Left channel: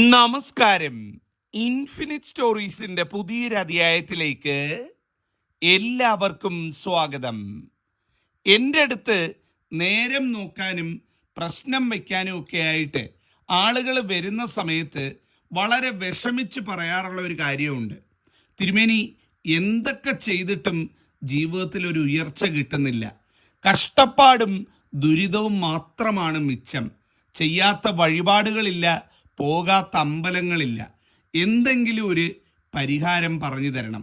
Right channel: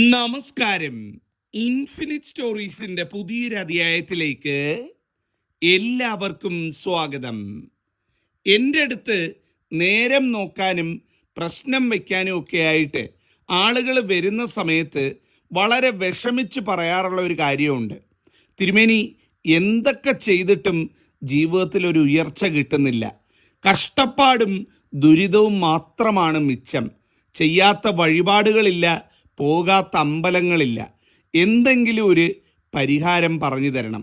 നമസ്കാരം. ഇൻഫിനിറ്റ് സ്റ്റോറീസിന്റെ പുതിയൊരു അധ്യായത്തിലേക്ക് എല്ലാവർക്കും സ്വാഗതം. എൻ്റെ അടുത്ത് നേരം നോക്കാനും പ്രശ്നം വയ്ക്കാനും ഒക്കെ ആയിട്ട് ആളുകൾ വരുന്ന സമയത്ത് വളരെ വിഷമിച്ച് പറയാറുള്ള ഒരു കാര്യമുണ്ട്. തിരുമേനി, എന്തൊക്കെ ചെയ്തിട്ടും ജീവിതത്തിൽ ഒരു ഉയർച്ച കിട്ടുന്നില്ല. കഷ്ടപ്പാടും ദുരിതവും മാത്രമാണ് മിച്ചം. ചെയ്യാത്ത വഴിപാടുകളില്ല, പോകാത്ത അമ്പലങ്ങളില്ല. എന്തെങ്കിലും ഒരു പരിഹാരം പറഞ്ഞു തരണം.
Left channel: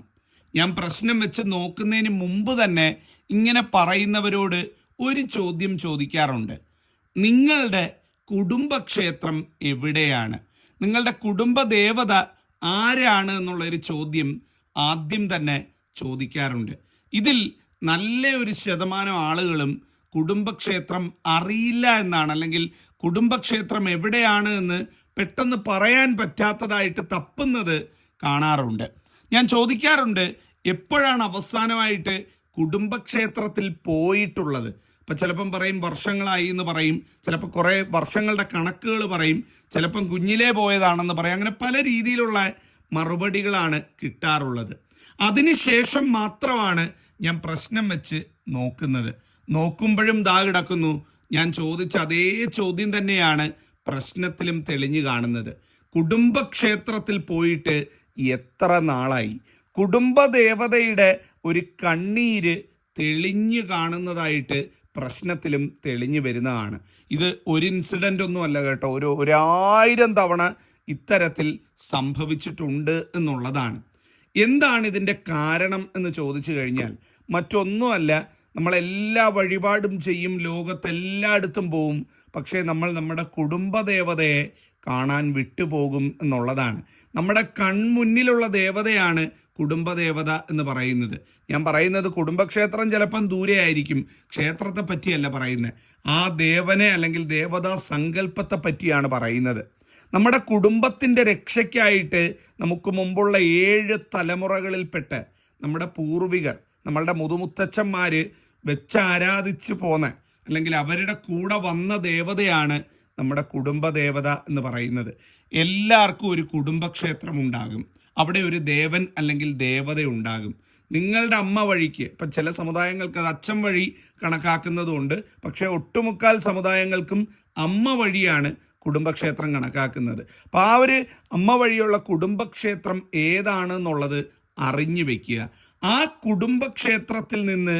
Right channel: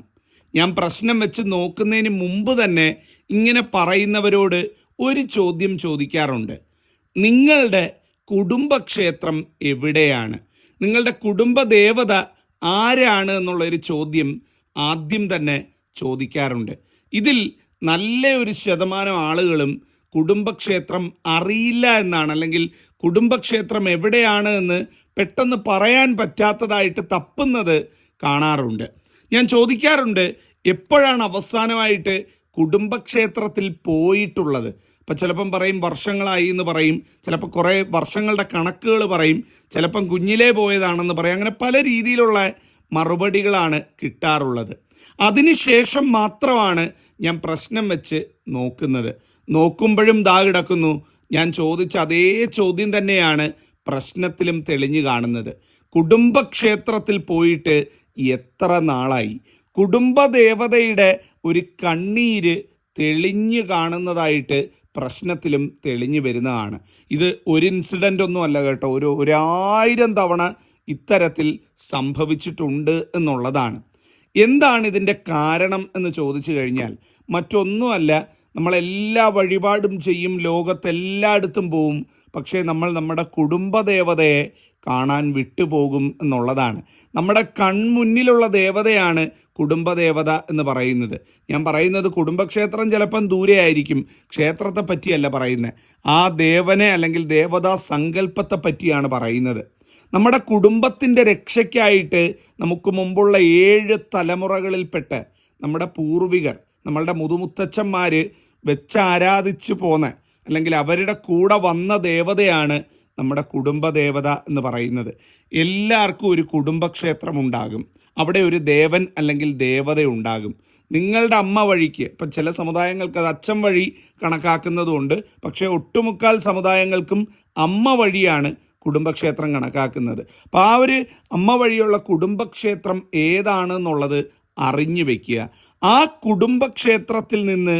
ഞാൻ പ്രശ്നം വെച്ച് നോക്കുന്നതിന് മുമ്പ് തന്നെ ഇങ്ങനെ പറയുന്നവരോട് ഒരു ചോദ്യം ചോദിക്കാറുണ്ട്. നിങ്ങളുടെ കുടുംബക്ഷേത്രം എവിടെയാണ്? നിങ്ങളുടെ കുടുംബദേവത ആരാണ് എന്നുള്ളൊരു ചോദ്യം ആദ്യം തന്നെ ചോദിക്കാറുണ്ട്. ഇതിൽ നല്ല ഒരു ശതമാനം ആളുകളും കുടുംബക്ഷേത്രം അറിയില്ല എന്നാണ്, അല്ലെങ്കിൽ കുടുംബക്ഷേത്രം എവിടെയാണ് എന്ന് പെട്ടെന്ന് പറയാൻ പറ്റാത്തതായിട്ട് തപ്പുന്നത് കാണാറുണ്ട്. ഞാൻ ചോദിക്കാറുണ്ട്, എപ്പോഴാണ് അവസാനമായിട്ട് കുടുംബക്ഷേത്രത്തിൽ പോയിട്ടുള്ളത്? അപ്പം ചിലപ്പം പറയും വർഷങ്ങളായി എന്ന് പറയും, ചിലപ്പോൾ കുറേ വർഷങ്ങളുടെ കണക്കുകൾ പറയും, ചിലപ്പം കുഞ്ഞിലേ പോയതാണെന്ന് പറയും. അങ്ങനെ പല രീതിയിലുള്ള മറുപടികളാണ് കിട്ടാറുള്ളത്. അതിനുശേഷം മാത്രമാണ് ഞാൻ പ്രശ്നം വെച്ച് നോക്കുന്നത്. നോക്കുമ്പോഴും ദാ കിടക്കുന്നു ഞാൻ ചോദിച്ച അതേ ചോദ്യം തന്നെയാണ് പ്രശ്നത്തിലും തെളിഞ്ഞു കാണുന്നത്. കുടുംബക്ഷേത്രത്തിൽ പോയിട്ട് എത്ര നാളായി? കുടുംബദേവതയുടെ ഒരു കണ്ണീര് തെളിഞ്ഞു കാണുന്നതായിട്ട് പ്രശ്നത്തിലും തെളിഞ്ഞു വരുന്നതാണ്. ഇത് ഒരു ഇൻസിഡൻ്റ് ഒന്നും അല്ല കേട്ടോ, 1000 തവണ ഇത്തരത്തിൽ സംഭവിച്ചിട്ടുണ്ട് എന്നുള്ളതാണ്. എന്താണ് ഇതിൻ്റെ കാരണം എന്ന് ചോദിച്ചു കഴിഞ്ഞാൽ മറ്റൊന്നുമല്ല, നമ്മളെല്ലാ വഴിപാടും ചെയ്യും, ലോകത്തെല്ലായിടത്തും പോവും, പക്ഷേ നമ്മൾ നമ്മുടെ കുടുംബദേവതയെ കാണാൻ വിട്ടുപോകും എന്നുള്ളതാണ്. നമ്മുടെ കൺമുന്നിലുള്ള ദേവതയാണ് കുടുംബദേവത എന്ന് പറയുന്നത്. ഞാൻ പറയുന്നത് കുടുംബക്ഷേത്രം ചിലപ്പം ദൂരെ ആയിരിക്കും, ക്ഷേത്രത്തെ പറ്റിയല്ല പറയുന്നത്. ആ ദേവനെ അല്ലെങ്കിൽ ദേവതാ സങ്കല്പത്തെ പറ്റിയാണ് പറയുന്നത്. നമ്മുടെ കുടുംബത്തിൻ്റെ രക്ഷയ്ക്കായിട്ട് നമുക്ക് മുമ്പുള്ള 7 തലമുറകളിൽപ്പെട്ട് നമ്മുടെ പൂർവികർ, നമ്മളുടെ മുതുമുത്തച്ഛന്മാർ വെച്ചാരാധിച്ചു പോന്ന, അല്ലെങ്കിൽ അവരുടെ കൂടെ വന്ന ദേവതയാണ് നമ്മുടെ കുടുംബദേവത എന്ന് പറയുന്നത്. എല്ലാവർക്കും ഒരു കുടുംബക്ഷേത്രം ഉണ്ടാകും, അവിടെ ഒരു ദേവൻ അല്ലെങ്കിൽ ദേവത ഉണ്ടാകും. നിങ്ങളുടെ അമ്മ വഴിക്ക്, ഇപ്പം ചില സമുദായങ്ങൾക്ക് അത് അച്ഛൻ വഴി കണക്കാക്കുന്നതുകൊണ്ട്, പക്ഷേ ഒട്ടുമുക്കാൽ സമുദായങ്ങൾക്കും അമ്മ വഴിയാണ് കുടുംബക്ഷേത്രം കണക്കാക്കുന്നത്. അപ്പം ആ ഒരു അമ്മ വഴിയുള്ള കുടുംബക്ഷേത്രം ഏതാണെന്നുള്ളത് അറിഞ്ഞു വയ്ക്കുക. ആ കുടുംബക്ഷേത്രത്തിൽ നിന്ന്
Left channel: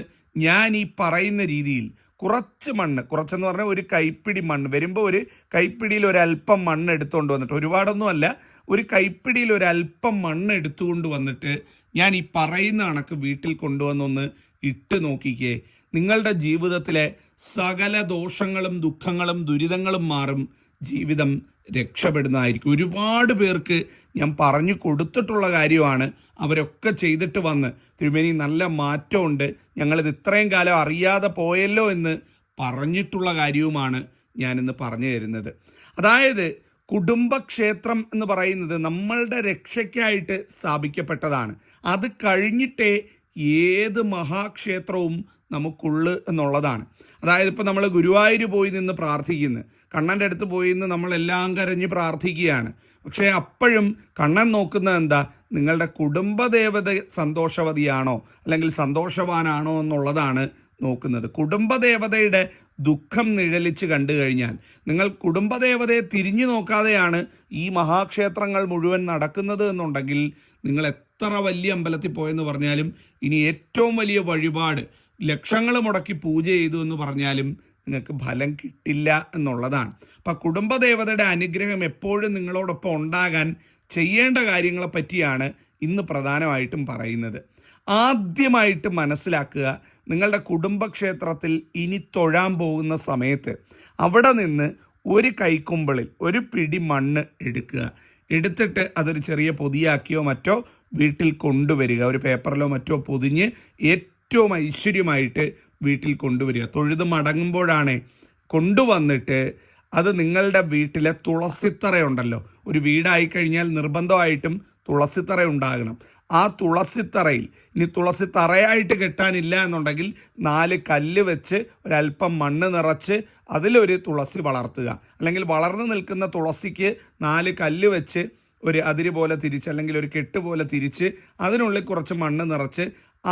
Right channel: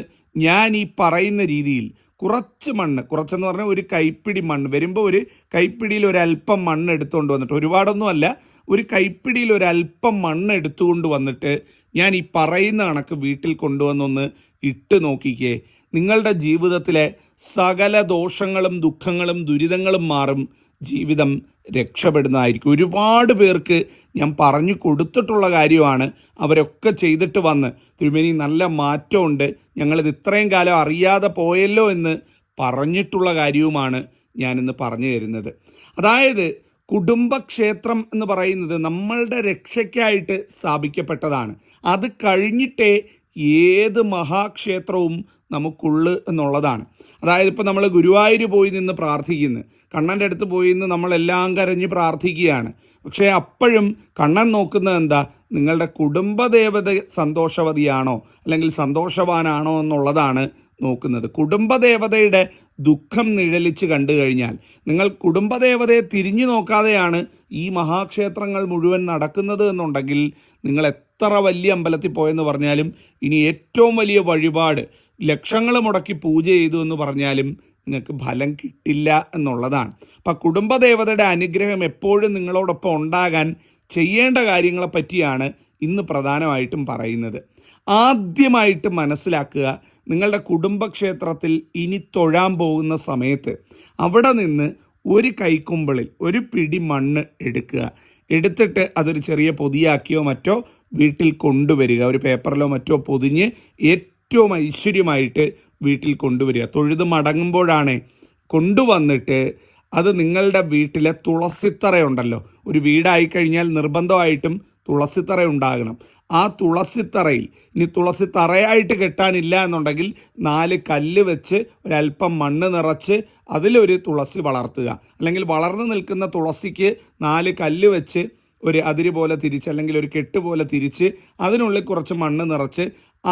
ഞാൻ ഈ പറയുന്ന രീതിയിൽ കുറച്ച് മണ്ണ്, കുറച്ചെന്ന് പറഞ്ഞാൽ ഒരു കൈപ്പിടി മണ്ണ് വരുമ്പോൾ ഒരു കൈപ്പിടിയിൽ ഒരല്പം മണ്ണ് എടുത്തുകൊണ്ട് വന്നിട്ട്, ഒരുപാടൊന്നും അല്ല, ഒരു കൈപ്പിടിയിൽ ഒരല്പം മണ്ണ് എടുത്തുകൊണ്ട് വന്നിട്ട് ഞാൻ ഈ പറയുന്ന കണക്ക് വീട്ടിൽ കൊണ്ടുവന്നൊന്ന് ഇട്ട് നോക്കിക്കേ. നിങ്ങളുടെ ജീവിതത്തിലെ സകല ദോഷങ്ങളും ദുഃഖങ്ങളും ദുരിതങ്ങളും മാറും, ജീവിതം രക്ഷപ്പെടുന്നതായിരിക്കും. ഒരുപാട് പേർക്ക് ഞാൻ പറഞ്ഞു കൊടുത്തിട്ടുള്ള കാര്യമാണ്. അവരൊക്കെ ചെയ്തിട്ട് വന്ന്, തിരുമേനി നല്ല മാറ്റമുണ്ട്, ഞങ്ങളിത് ഇത്രയും കാലം അറിയാതെ പോയല്ലോ എന്ന് പറഞ്ഞിട്ടുള്ള കാര്യവുമാണ് ഞാനിന്ന് പറഞ്ഞു തരുന്നത്. അതായത് കുടുംബക്ഷേത്രം എന്ന് പറയുന്നത് നമ്മളുടെ രക്ഷയ്ക്കായിട്ട് സ്ഥാപിക്കപ്പെട്ടതാണ്. അത് കഴിഞ്ഞിട്ടേ ഏത് മഹാക്ഷേത്രവും നമുക്കുള്ളു എന്നുള്ളതാണ്. അതായത് ഇപ്പോൾ നമ്മൾ ഗുരുവായൂർ പോയി നിന്ന് പ്രാർത്ഥിക്കുന്നു, കണ്ണൻ്റെ അടുത്ത് പോയി നിന്ന് നമ്മളെല്ലാം കരഞ്ഞ് പ്രാർത്ഥിക്കുകയാണ്. പക്ഷേ അപ്പോഴും കണ്ണൻ നോക്കുന്നത് എന്താ? നിങ്ങളുടെ കുടുംബദേവത സന്തോഷവതിയാണോ അല്ലെങ്കിൽ സന്തോഷവാനാണോ എന്നുള്ളതാണ് നോക്കുന്നത്. കുടുംബദേവതയുടെ ദുഃഖം നിഴലിച്ച് കണ്ടു കഴിഞ്ഞാൽ, നിങ്ങൾ കുടുംബദേവതയെ തിരിഞ്ഞു നോക്കാതെയാണ് ഈ മഹാക്ഷേത്രങ്ങൾ മുഴുവൻ നടക്കുന്നത് എന്നുണ്ടെങ്കിൽ, നിങ്ങൾ എത്ര വലിയ അമ്പലത്തിൽ പോയെന്ന് പറഞ്ഞാലും, ഇനി ഏറ്റവും വലിയ വഴിപാട് ലക്ഷങ്ങൾ മുടക്കി പൂജ ചെയ്തു എന്ന് പറഞ്ഞാലും നിങ്ങൾക്ക് ഫലം കിട്ടില്ല എന്നുള്ളതാണ്. അപ്പം കുടുംബദേവതയുടെ അനുഗ്രഹം എപ്പോഴും നിങ്ങളോടൊപ്പം ഉണ്ടാകാൻ ചെയ്യേണ്ട കാര്യങ്ങളെ പറ്റിയാണ് ഇന്ന് പ്രധാനമായിട്ടും പറയുന്നത്. ആദ്യമായിട്ട് മനസ്സിലാക്കുക, നിങ്ങളുടെ കുടുംബക്ഷേത്രത്തിൽ ഇനി തൊഴാൻ പോകുന്ന സമയത്ത് അവിടെ നിന്ന് ഒരു കൈക്കുമ്പിളിൽ ഒരു പിടി മണ്ണ് എടുക്കുക. എടുത്തിട്ട് അതൊരു ചെറിയ പൊതിയാക്കിയോ മറ്റോ വീട്ടിൽ കൊണ്ടുവരിക. ഒരു പേപ്പറിലോ മറ്റോ പൊതിഞ്ഞ് ഏറ്റവും ഐശ്വര്യമായിട്ട് വീട്ടിൽ കൊണ്ടുവരിക. തൊഴുത് മടങ്ങുമ്പോഴാണ് കൊണ്ടുവന്നിട്ട് അത് നിങ്ങളുടെ വീട്ടിലെ തുളസിത്തറയുണ്ടല്ലോ, ഒരു വീടായി കഴിഞ്ഞാൽ നിർബന്ധമായിട്ടും തുളസിത്തറ ഉണ്ടാകണം. ആ തുളസിത്തറയിൽ, ഇനി തുളസി തറയായിട്ട് കെട്ടാനില്ല എന്നുണ്ടെങ്കിൽ 4 കല്ല് വെച്ച് ഒരല്പം മണ്ണ് നിറച്ച് അതിലൊരു തുളസി വളർത്തുക. അല്ലെങ്കിൽ വളർന്നു നിൽക്കുന്ന തുളസിക്ക് 4 കല്ല് വെച്ച് ഒരു അതിര് പോലെ തിരിച്ച്, അല്ലെങ്കിൽ ഒരു കെട്ട് പോലെ തിരിച്ച് അതിനുള്ളിൽ കുറച്ച് മണ്ണ് നിറച്ച്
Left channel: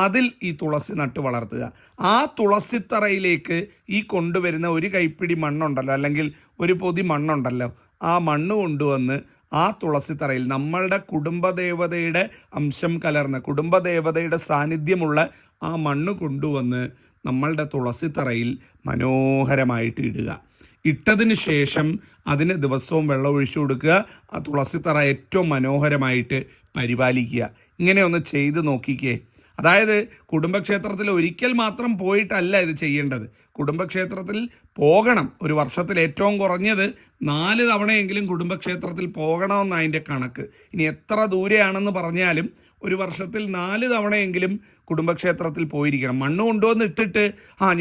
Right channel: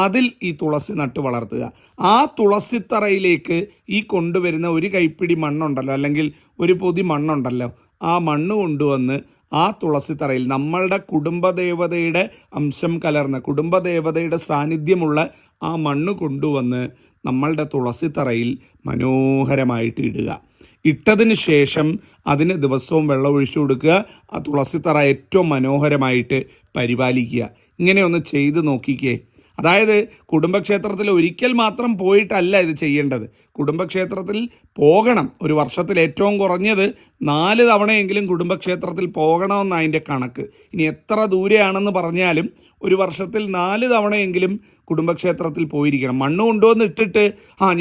അതിൽ ഈ തുളസി നട്ട് വളർത്തുക. ആ തുളസിത്തറയിലേക്ക് ഈ കൊണ്ടുവരുന്ന ഒരു കൈപ്പിടി മണ്ണുണ്ടല്ലോ, അല്ലെങ്കിൽ ഒരു പൊതി മണ്ണുണ്ടല്ലോ, ആ മണ്ണ് കൊണ്ടുവന്ന് ആ തുളസിത്തറയിൽ നമ്മളുടെ കുടുംബദേവതയുടെ അംശം കലർന്ന, കുടുംബദേവതയുടെ സാന്നിധ്യമുള്ള ആ മണ്ണ് കൊണ്ടുവന്ന് നമ്മളുടെ തുളസിത്തറയിൽ മനോഹരമായിട്ട് ഇടുക. ഇട്ടതിന് ശേഷം അതിന് ദിവസവും വെള്ളം ഒഴിച്ചു കൊടുക്കുക. ആ തുളസിത്തറ ഏറ്റവും മനോഹരമായിട്ട് പരിപാലിക്കുക. ഇങ്ങനെ ഒന്ന് ചെയ്ത് നോക്കിക്കേ. അതായത് കുടുംബക്ഷേത്രത്തിൽ ഒരിക്കൽ മാത്രം പോയിട്ടല്ല ഇത് ചെയ്യേണ്ടത്. കുടുംബക്ഷേത്രത്തിൽ പോകണം. ഒരു വർഷത്തിൽ ഏറ്റവും കുറഞ്ഞത് 4 തവണയെങ്കിലും കുടുംബക്ഷേത്രത്തിൽ പോകണമെന്ന് അതിൻ്റെ കണക്ക്. ഇനി എത്ര ദൂരെയാണെന്ന് പറഞ്ഞാലും ഒരു വർഷത്തിൽ 4 തവണയെങ്കിലും കുടുംബക്ഷേത്രത്തിൽ പോയിരിക്കണം. മണ്ണ് കൊണ്ടുവന്നിട്ടിട്ട്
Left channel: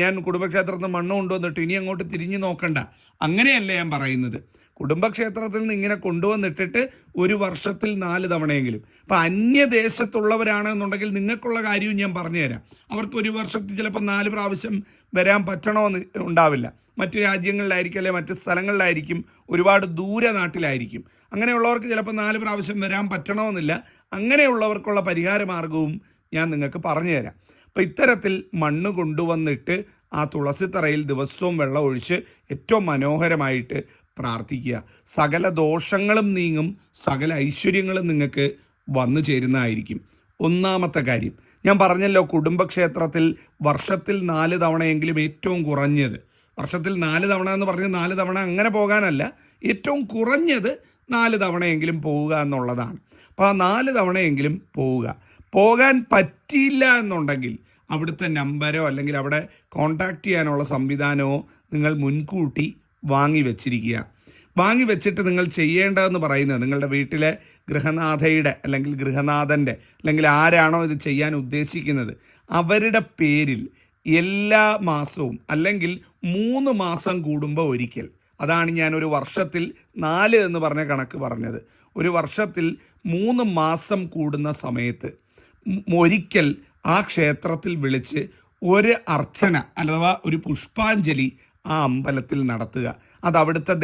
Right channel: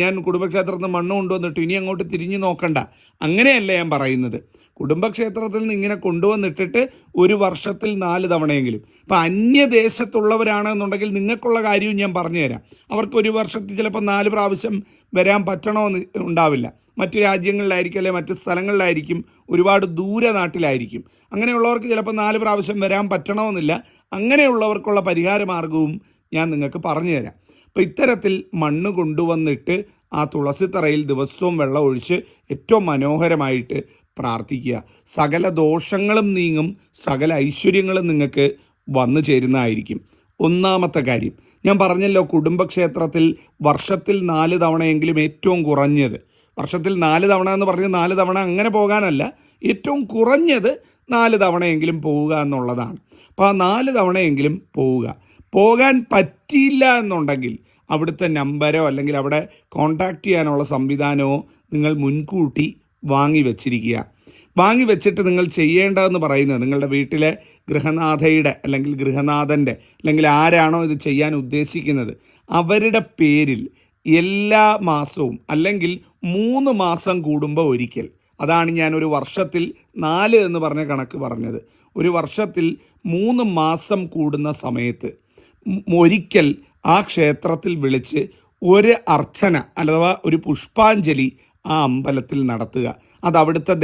ഞാൻ കുടുംബക്ഷേത്രത്തിൽ മണ്ണ് കൊണ്ടുവന്നിട്ട് ഇനി അങ്ങോട്ട് തിരിഞ്ഞു നോക്കണ്ട, അങ്ങനെയല്ല ഞാൻ പറയുന്നത്. കുടുംബക്ഷേത്രത്തിൽ നിന്ന് ഇങ്ങനെ കൊണ്ടുവന്നിട്ടിട്ട് ഒരു വർഷത്തിൽ 4 തവണയെങ്കിലും. ഇപ്പം അന്യദേശത്തുള്ളവരാണെന്നുണ്ടെങ്കിൽ നിങ്ങൾക്കുള്ള കാര്യവും ഞാൻ പറഞ്ഞുതരാം. അവർക്ക് ഒരു വർഷത്തിൽ ചിലപ്പോൾ 4 പ്രാവശ്യം വരാൻ പറ്റണമെന്ന് ഉണ്ടാവില്ല. മറ്റ് രാജ്യങ്ങളിലായിരിക്കും, അല്ലെങ്കിൽ മറ്റ് സ്ഥലങ്ങളിലായിരിക്കും, ഒരുപാട് ദൂരെ നാട്ടിലായിരിക്കും. അങ്ങനെയുള്ളവർക്ക് ചിലപ്പോൾ 4 പ്രാവശ്യം വരാൻ പറ്റണമെന്നില്ല. അങ്ങനെയുള്ളവർക്കുള്ള പരിഹാര മാർഗവും ഞാൻ നിങ്ങൾക്ക് പറഞ്ഞു തരാം. അപ്പം ഇത്തരത്തിൽ മണ്ണ് കൊണ്ടുവന്നിട്ട് ആ തുളസിത്തറയിൽ ദിവസവും വെള്ളം ഒഴിച്ച് ഏറ്റവും മനോഹരമായിട്ട് പ്രാർത്ഥിക്കുക. സകല ദോഷങ്ങളും നീങ്ങും, സകല ഐശ്വര്യങ്ങളും നിങ്ങൾക്ക് വന്നു ചേരുന്നതായിരിക്കും. ഒന്നാമത്തെ കാര്യം ഞാൻ പറഞ്ഞല്ലോ, കുടുംബക്ഷേത്രത്തിൽ വർഷത്തിൽ 4 തവണയെങ്കിലും ഏറ്റവും കുറഞ്ഞത്, വർഷത്തിൽ 4 തവണ എന്ന് പറഞ്ഞ് 4 തവണ അങ്ങനെ പോകാനല്ല, ഏറ്റവും കുറഞ്ഞത് 4 തവണയെങ്കിലും പോവുക എന്നുള്ളതാണ്. അപ്പോൾ ആ 4 തവണയെങ്കിലും പോവുക. പോകാൻ പറ്റിയില്ല എന്നുണ്ടെങ്കിൽ അവിടുത്തെ നമ്പരോ അല്ലെങ്കിൽ അവിടെ കോൺടാക്റ്റ് ചെയ്യാനുള്ള സംവിധാനമോ നിങ്ങൾ മുൻകൂട്ടി വാങ്ങി വെച്ചിരിക്കുക. വാങ്ങി വെച്ചിട്ട് നിങ്ങൾ ചെയ്യേണ്ടതെന്ന് പറയുന്നത്, നിങ്ങളുടെ വീട്ടിലെ ഗൃഹനാഥയുടെ അല്ലെങ്കിൽ ഗൃഹനാഥൻ്റെ അല്ലെങ്കിൽ ആരാണോ ഇത് ചെയ്യാൻ ഉദ്ദേശിക്കുന്നത് അവരുടെ പേരിൽ എല്ലാ മാസവും അല്ലെങ്കിൽ 3 മാസം കൂടുമ്പോൾ ഒരിക്കൽ, അതാണ് ഞാൻ ഒരു വർഷത്തിൽ 4 എന്ന് പറഞ്ഞ കണക്ക് പറഞ്ഞത്, ഒരു വർഷത്തിൽ 3 മാസം കൂടുന്ന സമയത്ത് ഒരിക്കൽ ആ ക്ഷേത്രത്തിൽ വിളിച്ച് ഒരു അർച്ചന അഥവാ ഒരു പുഷ്പാഞ്ജലി ആ അമ്പലത്തിൽ നടത്തുക. അത് അവിടുത്തെ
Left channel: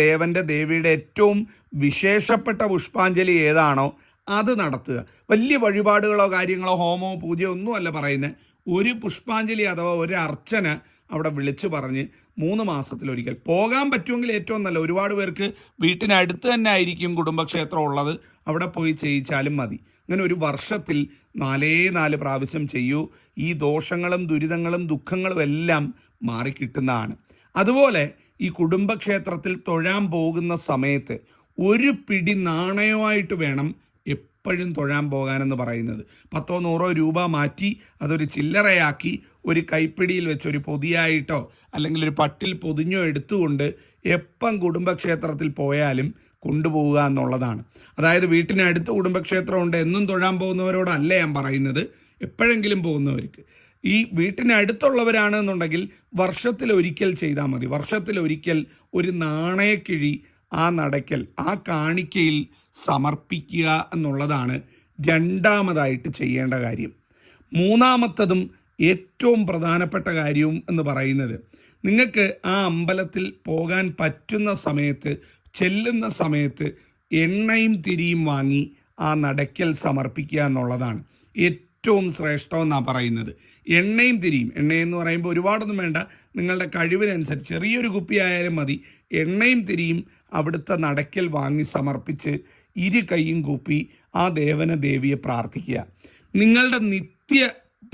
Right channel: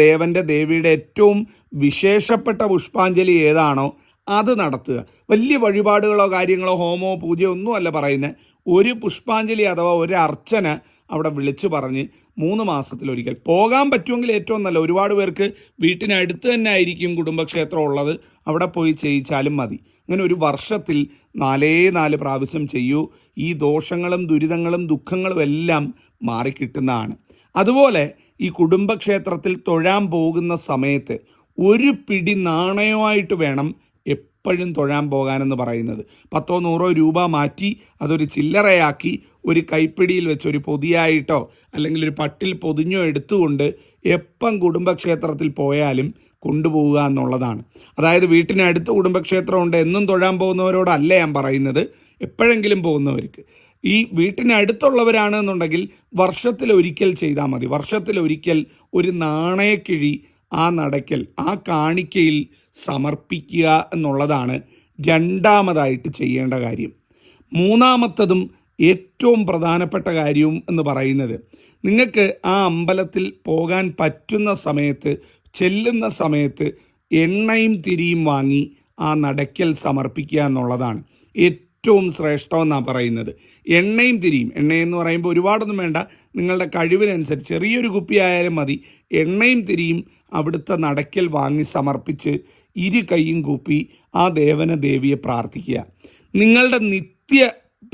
ദേവിയുടെ ഏറ്റവും വിശേഷപ്പെട്ട പുഷ്പാഞ്ജലി ഏതാണോ അത് നടത്തുക. വലിയ വഴിപാടുകളോ കാര്യങ്ങളോ ഹോമോ പൂജയോ ഒന്നുമല്ല പറയുന്നത്. ഒരു പുഷ്പാഞ്ജലി അഥവാ ഒരു അർച്ചന അവിടെ വിളിച്ചു പറഞ്ഞ് 3 മാസത്തിലൊരിക്കൽ പോകാൻ പറ്റുമെങ്കിൽ ഏറ്റവും നല്ല. ഒരുപാട് പേർക്ക് വീട്ടിനടുത്ത് തന്നെ ആയിരിക്കും കുടുംബക്ഷേത്രം ഉള്ളത്, അവിടെ പോയി ചെയ്യിച്ചാലും മതി. അങ്ങനെ ഒരു വർഷത്തിൽ 4 പ്രാവശ്യം ചെയ്യൂ. ഈ ദോഷങ്ങളും ദുരിതങ്ങളും ദുഃഖങ്ങളും എല്ലാം മാറിക്കിട്ടുന്നതാണ്. അതുപോലെ ഈ കുടുംബക്ഷേത്രത്തിൽ തൊഴാൻ പോകുന്ന സമയത്ത് ഒരു പിടി നാണയമായിട്ട് വേണം എപ്പോഴും തൊഴാൻ പോകാനെന്ന് പറയുന്നത്. 10-100 രൂപ മാറ്റി അതൊരു ചില്ലറയാക്കി ഒരു കൈപ്പിടിയിൽ വെച്ച് ഒരു പൊതിയായിട്ടോ അല്ലെങ്കിൽ ഒരു പട്ടിൽ പൊതിഞ്ഞോ എടുത്തുകൊണ്ട് എപ്പം കുടുംബക്ഷേത്രത്തിൽ പോയാലും കൊണ്ടുപോവുക എന്നുള്ളതാണ്. അതായത് വീട്ടിനടുത്ത് കുടുംബക്ഷേത്രമുണ്ട് എന്നും തൊഴാൻ പോകുന്നവരോടല്ല ഞാൻ പറയുന്നത്, എപ്പോഴെങ്കിലും പോകുന്നവർക്ക്. ഈ വീട്ടിനടുത്തുള്ളവരാണെന്നുണ്ടെങ്കിൽ വർഷത്തിലൊരിക്കൽ ചെയ്താൽ മതി. വർഷത്തിലൊരിക്കൽ ഒരു നാണയക്കിഴി ആ നടക്കൽ, ആ കാണിക്കയിൽ സമർപ്പിക്കുക എന്നുള്ളതാണ് രണ്ടാമതായിട്ട് ചെയ്യേണ്ട കാര്യം. മൂന്നാമത്തതും ഏറ്റവും പ്രധാനപ്പെട്ട കാര്യവും എന്ന് പറയുന്നത്, നിങ്ങൾക്ക് ആ അമ്പലത്തിൽ പോകാൻ പറ്റുന്ന സമയത്ത്, ചെല്ലുന്ന സമയത്ത് എണ്ണയും തിരിയും വാങ്ങി ആ നടക്കൽ സമർപ്പിക്കുക എന്നുള്ളതാണ് ഏറ്റവും ശ്രേഷ്ഠമെന്നാണ് പറയുന്നത്. എണ്ണയും തിരിയും, എണ്ണയെന്ന് പറയുമ്പോൾ ഒരുപാടൊന്നും വേണ്ട, നിങ്ങളുടെ കഴിവിനനുസരിച്ച് ചെറിയൊരു കുപ്പി ആയാലും മതി. എണ്ണയും തിരിയും അവിടുത്തെ നടക്കൽ വാങ്ങി സമർപ്പിച്ച് 2 കൈയും കൂപ്പി ആ ദേവിയെ പ്രാർത്ഥിക്കുക. നിങ്ങളുടെ നിത്യ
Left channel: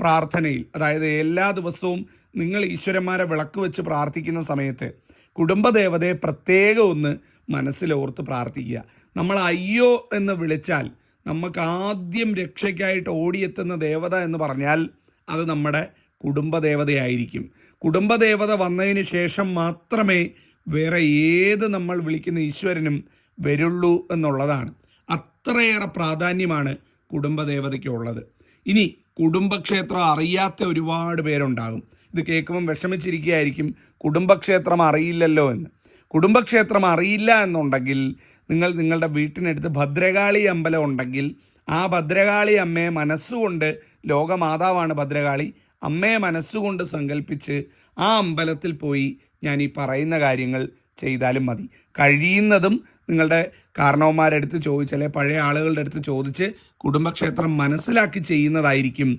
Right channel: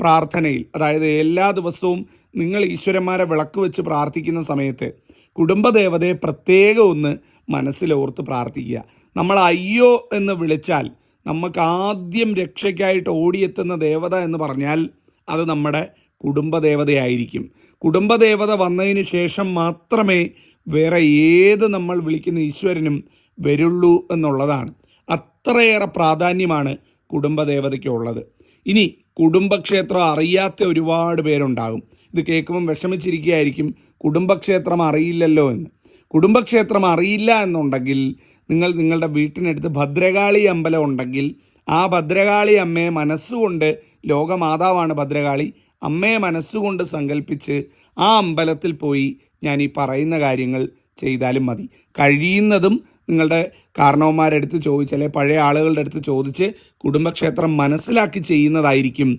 പ്രാർത്ഥനയിൽ, അതായത് എല്ലാ ദിവസവും നിങ്ങൾ ഈശ്വരന്മാരെ വിളക്ക് വെച്ച് പ്രാർത്ഥിക്കുന്ന സമയത്ത് കുടുംബദേവതയെ പ്രത്യേകം ഒന്ന് മനസ്സിലോർത്ത് പ്രാർത്ഥിക്കുക. നമ്മൾ അയ്യോ എന്ന് വിളിച്ചാൽ നമുക്ക് ആദ്യം രക്ഷയ്ക്കായിട്ട് ഓടിയെത്തുന്ന ദേവത എന്ന് പറഞ്ഞാൽ അത് നമ്മുടെ കുടുംബദേവതയായിരിക്കും. കുടുംബദേവത വന്നതിന് ശേഷം മാത്രമേ വേറെ ഏത് നമ്മൾ വിളിക്കുന്ന ഈശ്വരനും വരുള്ളൂ എന്നുള്ളതാണ്. അത്രയേറെ പ്രാധാന്യമാണ് കുടുംബദേവതയ്ക്കുള്ളത്. ഇനി കുടുംബക്ഷേത്രം അറിയാത്ത ഒരുപാട് പേരുണ്ടാകും. ഇത് കേൾക്കുമ്പം വിഷമിച്ചിരിക്കുകയായിരിക്കും, കുടുംബക്ഷേത്രം അറിയില്ലല്ലോ എന്ന്. കുടുംബക്ഷേത്രം അറിയില്ല എന്നുണ്ടെങ്കിൽ നിങ്ങൾ നിങ്ങളുടെ വീട്ടിനടുത്ത് ഭദ്രകാളി അമ്പലം ഉണ്ടെങ്കിൽ ആ ഭദ്രകാളി അമ്മയെ മനസ്സുകൊണ്ട്, ലോകമാതാവാണ് ഭദ്രകാളി, അമ്മയെ മനസ്സുകൊണ്ട് സങ്കല്പിച്ച് ആ അമ്പലത്തിൽ പോയി ഞാൻ ഈ പറയുന്ന കാര്യങ്ങൾ ചെയ്താലും മതി. കഴിയുന്നതും നിങ്ങളുടെ കാരണവന്മാരെടുത്ത് ചോദിച്ച്, അല്ലെങ്കിൽ പഴയ ആളുകളുടെ അടുത്ത് ചോദിച്ച് കുടുംബക്ഷേത്രം മനസ്സിലാക്കി ചെയ്യുന്നതായിരിക്കും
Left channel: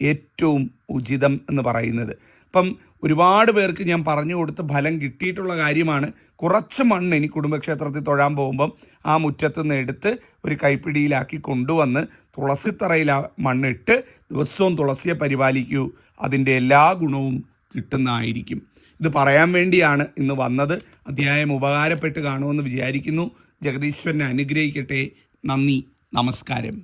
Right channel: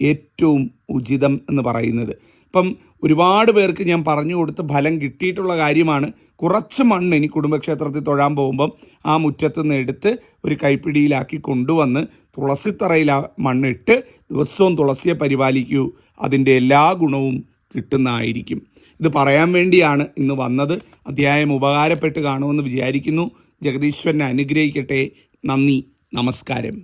ഏറ്റവും ഉചിതം എന്ന് പറയുന്നത്. അപ്പം ഒരുപാട് പേർക്ക് ഞാൻ പറഞ്ഞു കൊടുത്ത് ഫലം കിട്ടിയിട്ടുള്ള കാര്യമാണ്. കുറച്ച് മണ്ണ് ഇനി കുടുംബക്ഷേത്രത്തിൽ തൊഴാൻ പോകുമ്പം ആ മുറ്റത്ത് നിന്ന് എടുത്ത് ഒരു കൈപ്പിടിയിലാക്കി കൊണ്ടുവന്ന് തുളസിത്തറയിൽ ആ മണ്ണിട്ട് ദിവസവും തുളസിയെ പരിപാലിക്കൂ, അതിൻ്റെ എല്ലാ ഗുണവും കിട്ടുന്നതായിരിക്കും. ഇത് പറയാൻ വേണ്ടിയാണ് ഇന്ന് വന്നത്. അധ്യായം ഉപകാരപ്പെട്ട് കാണുമെന്ന് വിചാരിക്കുന്നു. ജഗദീശ്വരനെ അനുഗ്രഹിക്കട്ടെ. നന്ദി, നമസ്കാരം.